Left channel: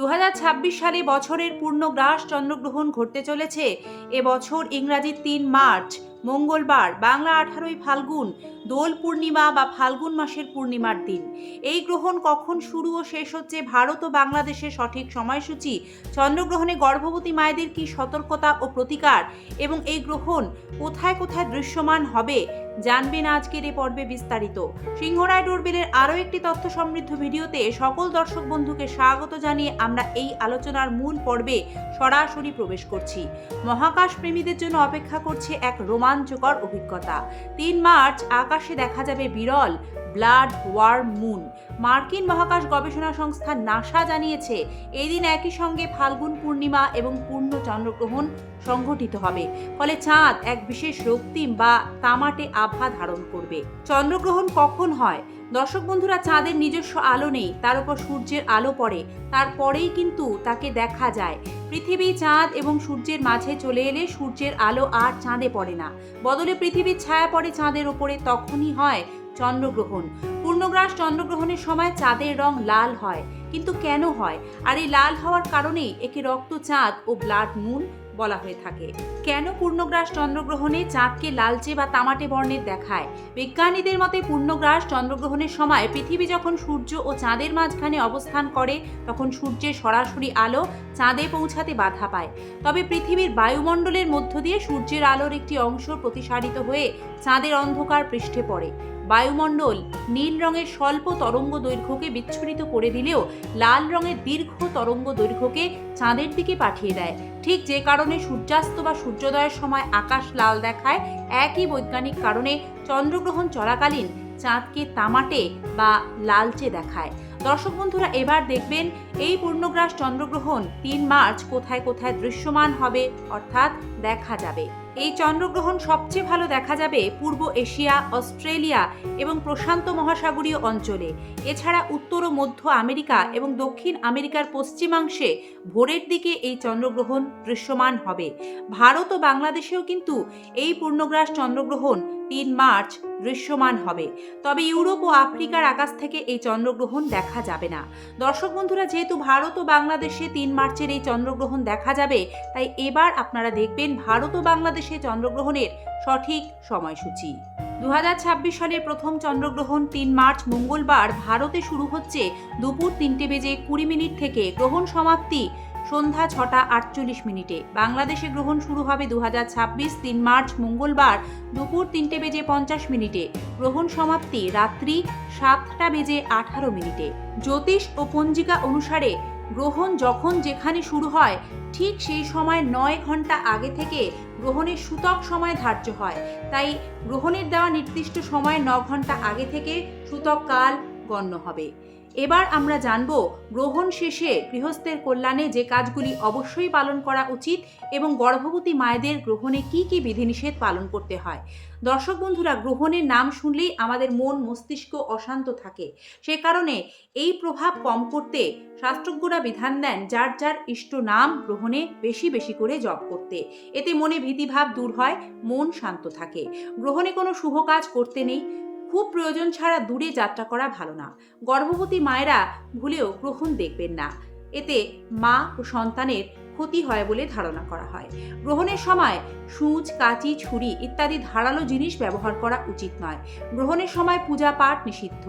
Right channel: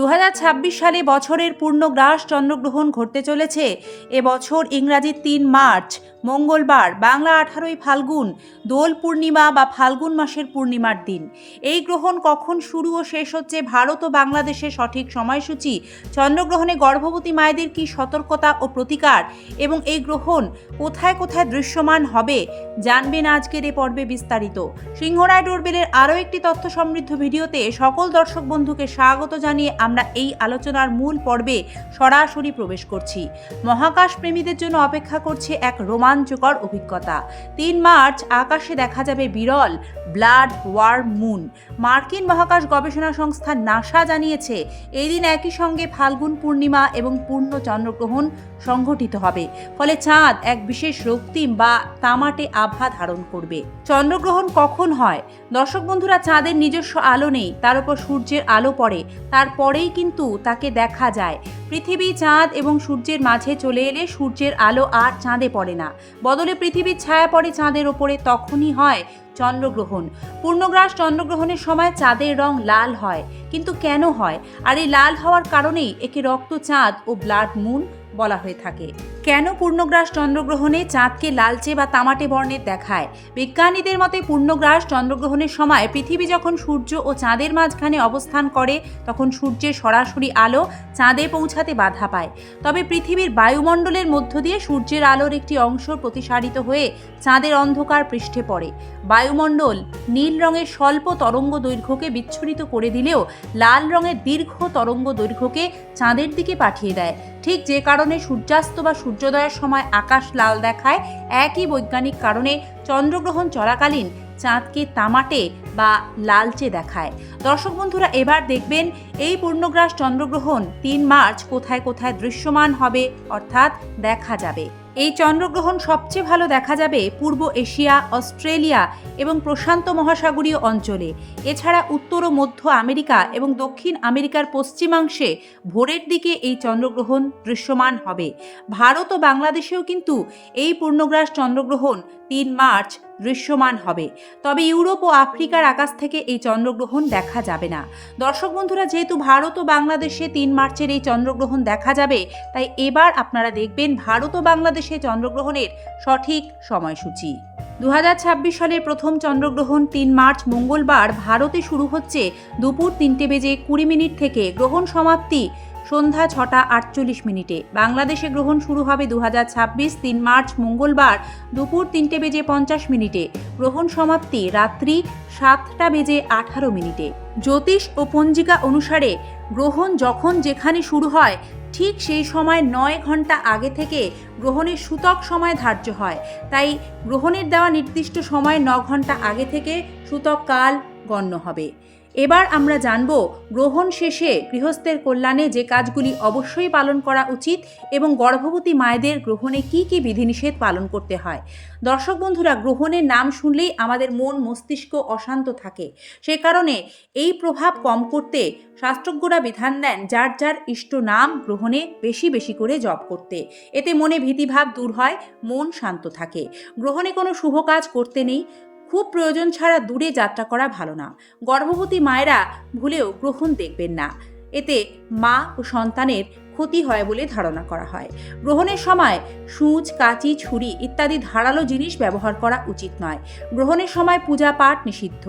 2026 সালে বছরের পূর্ণগ্রাস চন্দ্রগ্রহণ ঘটতে চলেছে। এবছর ইংরাজি 3 মার্চ মঙ্গলবার, বাংলা 18ই ফাল্গুন, দোল পূর্ণিমা বা ফাল্গুন মাসের পূর্ণিমার দিন। এই গ্রহণ কখন শুরু ও শেষ হচ্ছে, ভারত ও বাংলাদেশের সঠিক সময়সূচি, চন্দ্রগ্রহণে গর্ভবতী মায়েদের কী সতর্কতা ও প্রতিকার এবং এই গ্রহণ কোথায় কোথায় দৃশ্যমান হবে জানবেন আজকের এই পর্বে বিস্তারিত। সিংহরায় ডোরবেলের আরও একটি তথ্য সমৃদ্ধ ভিডিওতে সকল দর্শক বন্ধুকে স্বাগত জানিয়ে আমরা এই আলোচনার মূল পর্বে সরাসরি প্রবেশ করছি। মহাকাশ প্রেমীদের জন্য অপেক্ষা করছে এক রোমাঞ্চকর অভিজ্ঞতা। 3 মার্চ আকাশে দেখা যাবে বিরল ব্লাড ওয়ার্ম মুন। মার্কিন মহাকাশ গবেষণা সংস্থা নাসা জানিয়েছে এই দিন একই সঙ্গে ফাল্গুন পূর্ণিমা এবং পূর্ণ চন্দ্রগ্রহণ সংঘটিত হবে, ফলে চাঁদ এক বিশেষ রক্তিম বা তামাটে আভা ধারণ করবে। চন্দ্রগ্রহণ কখন হয়? দর্শক বন্ধুরা, চাঁদের নিজস্ব আলো নেই, তার উপর সূর্যের আলো পড়ে, তারপরেই কিন্তু তাকে দেখা যায়। পৃথিবী, চাঁদ এবং সূর্যের মাঝে চলে এলে সূর্যের আলো আর চাঁদে পড়ে না, বদলে পৃথিবীর ছায়া পড়ে চাঁদের ওপরে, তখনই হয় চন্দ্রগ্রহণ। পূর্ণগ্রাস চন্দ্রগ্রহণের সময় চাঁদের রং লাল হয়। কিন্তু কেন হয়? আর এই লাল হওয়ার কারণেই একে রক্তচাঁদ ও ব্লাড মুন বলা হয়ে থাকে। কেন পূর্ণগ্রাস চন্দ্রগ্রহণে চাঁদকে লালচে বা তামাটে বর্ণের দেখায়? বিজ্ঞানীদের মতে পূর্ণগ্রাস চন্দ্রগ্রহণের সময় পৃথিবী যখন সূর্য ও চাঁদের মাঝখানে অবস্থান করে তখন সূর্যের সরাসরি আলো চাঁদে পৌঁছাতে বাধা পায়। তবে পৃথিবীর বায়ুমণ্ডলের মধ্য দিয়ে সূর্যের আলোর একটি অংশ প্রতিসারিত হয়ে চাঁদের অন্ধকার পৃষ্ঠে পড়ে। বায়ুমণ্ডল নীল রঙের স্বল্প তরঙ্গ দৈর্ঘ্যকে বিচ্ছুরিত করে দিলেও লাল রঙের দীর্ঘ তরঙ্গ দৈর্ঘ্যকে চাঁদের দিকে পাঠিয়ে দেয়। ঠিক যে কারণে সূর্যাস্ত বা সূর্যোদয়ের সময় আকাশ লাল দেখায়, একই বৈজ্ঞানিক কারণে চন্দ্রগ্রহণ চলাকালীন চাঁদকে তামাটে বা লালচে দেখায়। দর্শক বন্ধুরা, এবার দেখবেন এই পূর্ণগ্রাস চন্দ্রগ্রহণ 3 মার্চ কোথায় কোথায় দৃশ্যমান হবে, অর্থাৎ দেখা যাবে। এই চন্দ্রগ্রহণ সবচেয়ে ভালো দেখা যাবে পূর্ব এশিয়া, অস্ট্রেলিয়া এবং প্রশান্ত মহাসাগরীয় অঞ্চলে। এছাড়া উত্তর ও মধ্য আমেরিকা এবং দক্ষিণ আমেরিকার পশ্চিমাংশে ভোরের দিকে এই চন্দ্রগ্রহণ দৃশ্যমান হবে। ভারত ও বাংলাদেশেও কিন্তু এই পূর্ণগ্রাস চন্দ্রগ্রহণ 3 মার্চ দৃশ্যমান হবে। তবে ইউরোপ ও আফ্রিকার আকাশ থেকে এই চন্দ্রগ্রহণ দেখা যাবে না। দর্শক বন্ধুরা, যেহেতু ভারত ও বাংলাদেশে 3 মার্চের এই চন্দ্রগ্রহণ দেখা যাবে, তাই এবার আপনারা দেখবেন ভারত ও বাংলাদেশে চন্দ্রগ্রহণের সঠিক সময়সূচি। 2026 সালের প্রথম চন্দ্রগ্রহণ 3 মার্চ মঙ্গলবার ভারতে শুরু হচ্ছে দুপুর 3:20 থেকে। গ্রহণ সমাপ্তি সন্ধ্যা 6:48। বাংলাদেশে গ্রহণ শুরু হবে 2026 3 মার্চ মঙ্গলবার দুপুর 3:50। গ্রহণ সমাপ্তি রাত্রি 7:18। জ্যোতিষ ও পঞ্জিকা অনুসারে গ্রহণ যখন যেখানে শুরু হয় ঠিক সেই সময় 9 ঘন্টা আগে থেকে গ্রহণের সূতক সময় ধার্য হয়। তাই গ্রহণের দেওয়া নির্দিষ্ট সময় 9 ঘন্টা আগে থেকে সূতক কাল গণ্য হবে। এবার আমরা জানব গ্রহণ শেষে গৃহস্থের কল্যাণে যে কাজগুলি অবশ্যই পালন করা উচিত এবং গর্ভবতী মায়েদের গ্রহণে কি কি বিধিনিষেধ পালন করতে হয়। দর্শক বন্ধুরা, গ্রহণের নাম শুনলেই আমাদের মন মস্তিষ্ক অশান্ত থাকে। সে কারণে এই প্রভাব কম করতে শাস্ত্রজ্ঞরা বিধান দেন যার যার ইষ্ট নাম গ্রহণে বেশি বেশি করে জপ করতে। এতে মনে ভীতিভাব দূর হয়, মন শান্ত থাকে। গ্রহণে কোনো শুভ কাজ করতে নেই। খুব প্রয়োজন ছাড়া দূরে যাত্রা করা ভালো না। গর্ভবতী মায়েরা ভুলেও গ্রহণ দেখবেন না, এতে মা ও সন্তানের ক্ষতি হয় বলে ধারণা করা হয়। গ্রহণের সময় সূচ, কাঁচি, ছুরি ইত্যাদি ধারালো জিনিস ব্যবহার করা উচিত নয়। গ্রহণের সময় পূজা পাঠ নিষিদ্ধ।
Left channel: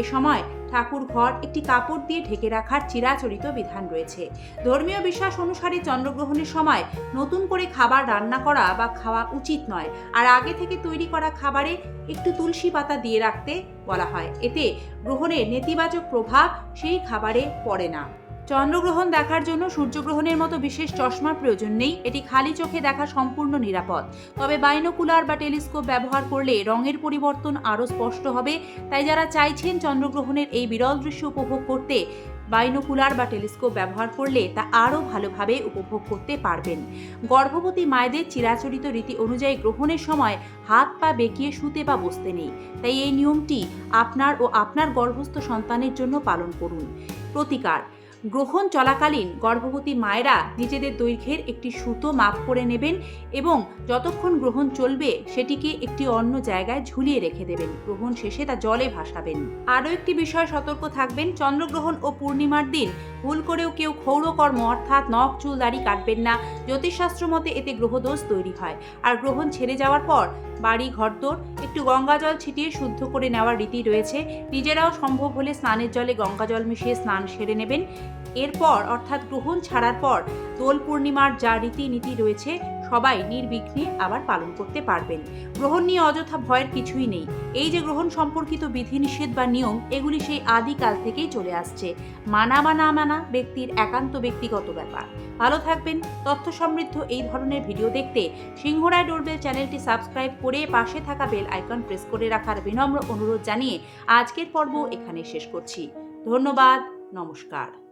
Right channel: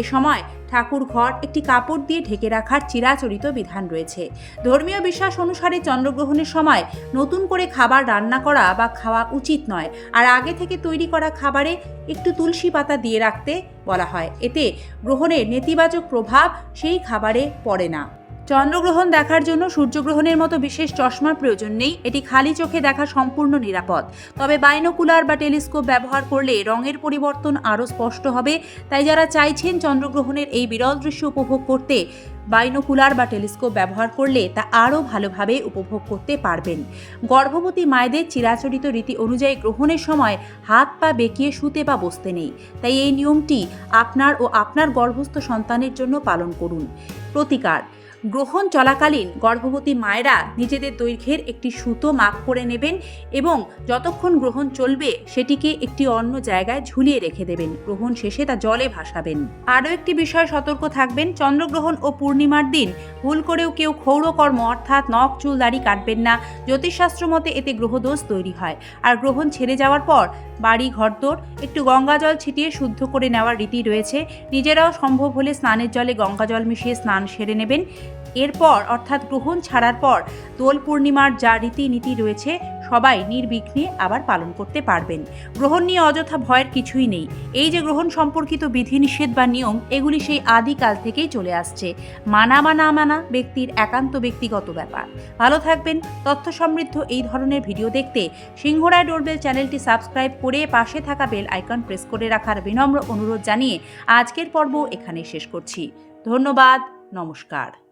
এ সময় ঠাকুর ঘর একটি কাপড় দিয়ে ঢেকে রাখার চিরাচরিত বিধান রয়েছে। ধর্মীয় বিশ্বাস অনুসারে চন্দ্রগ্রহণের সময় নতুন করে খাবার রান্না করা বা খাওয়া উচিত নয়। আর আগে থেকে তৈরি করা খাবারে একটু তুলসী পাতা দিয়ে রাখতে বলা হয়। এতে গ্রহণের নেতিবাচক প্রভাব সেই খাবারে পড়ে না। চন্দ্রগ্রহণ দেখার জন্য সূর্যগ্রহণের মতো বিশেষ চশমার প্রয়োজন নেই। এটি খালি চোখে দেখা সম্পূর্ণ নিরাপদ। তবে বাইনোকুলার বা টেলিস্কোপ ব্যবহার করলে রঙের পরিবর্তন আরও স্পষ্ট হবে। তাই যারা চাইছেন চন্দ্রগ্রহণের এই বিরল দৃশ্য উপভোগ করতে, বাইনোকুলার বা টেলিস্কোপ ব্যবহার করলে তা আরও ভালোভাবে উপভোগ করতে পারবেন। গর্ভবতী মায়েদের চিরাচরিত রীতি অনুযায়ী গ্রহণের সময় হাত পা বেঁকিয়ে শুতে বা বসতে নেই। তাই এই নিয়মটি আপনার ও আপনার গর্ভস্থ সন্তানের জন্য পালন করুন। প্রতিকার: গ্রহণ চলাকালীন গর্ভবতী মায়েরা নিজেদের দৈর্ঘ্যের একটি সুতো মাপ করে নেবেন এবং যতক্ষণ গ্রহণ চলবে সেটিকে একটি অন্য জায়গায় ঝুলিয়ে রেখে দেবেন। গ্রহণ শেষে তা জলে ভাসাবেন। আরও একটি বিষয় সতর্ক থাকবেন, চন্দ্রগ্রহণ ও পূর্ণিমার দিন ভুল করেও কেউ ক্ষৌরকর্ম অর্থাৎ নখ চুল দাড়ি কাটবেন না। জ্যোতিষশাস্ত্র মতে এতে গ্রহদোষ তৈরি হয়। আর গ্রহণ ছেড়ে যাওয়ার পর বাড়ি ঘরদোর একটু গঙ্গা জল ছিটিয়ে শুদ্ধ করে নেওয়ার রীতি রয়েছে। নিজেরাও সম্ভব হলে স্নানের জলে গঙ্গা জল মিশিয়ে স্নান সেরে নেবেন। এরপর অর্থাৎ গ্রহণ ছাড়ার পর দোল পূর্ণিমার যা রীতিনীতি রয়েছে সবাই নির্বিঘ্নে আবার পালন করতে পারবেন। গ্রহণ নিয়ে অযথা ভয়ের কিছুই নেই। এই যে গ্রহণ সম্পর্কিত বিধিনিষেধ বা নিয়ম, এগুলি সেই আদিকাল থেকেই চলে আসছে। মানা বা না মানা ব্যক্তির একান্ত ব্যক্তিগত ব্যাপার। ভালো থাকবেন। তথ্য সমৃদ্ধ এই ধরনের ভিডিও দেখতে সিংহরায় ডোরবেল চ্যানেলটি সাবস্ক্রাইব করে পাশে থাকা বেল আইকন প্রেস করে রাখার বিনম্র অনুরোধ জানিয়ে আজকের পর্ব এখানে শেষ করছি। ধন্যবাদ। নমস্কার।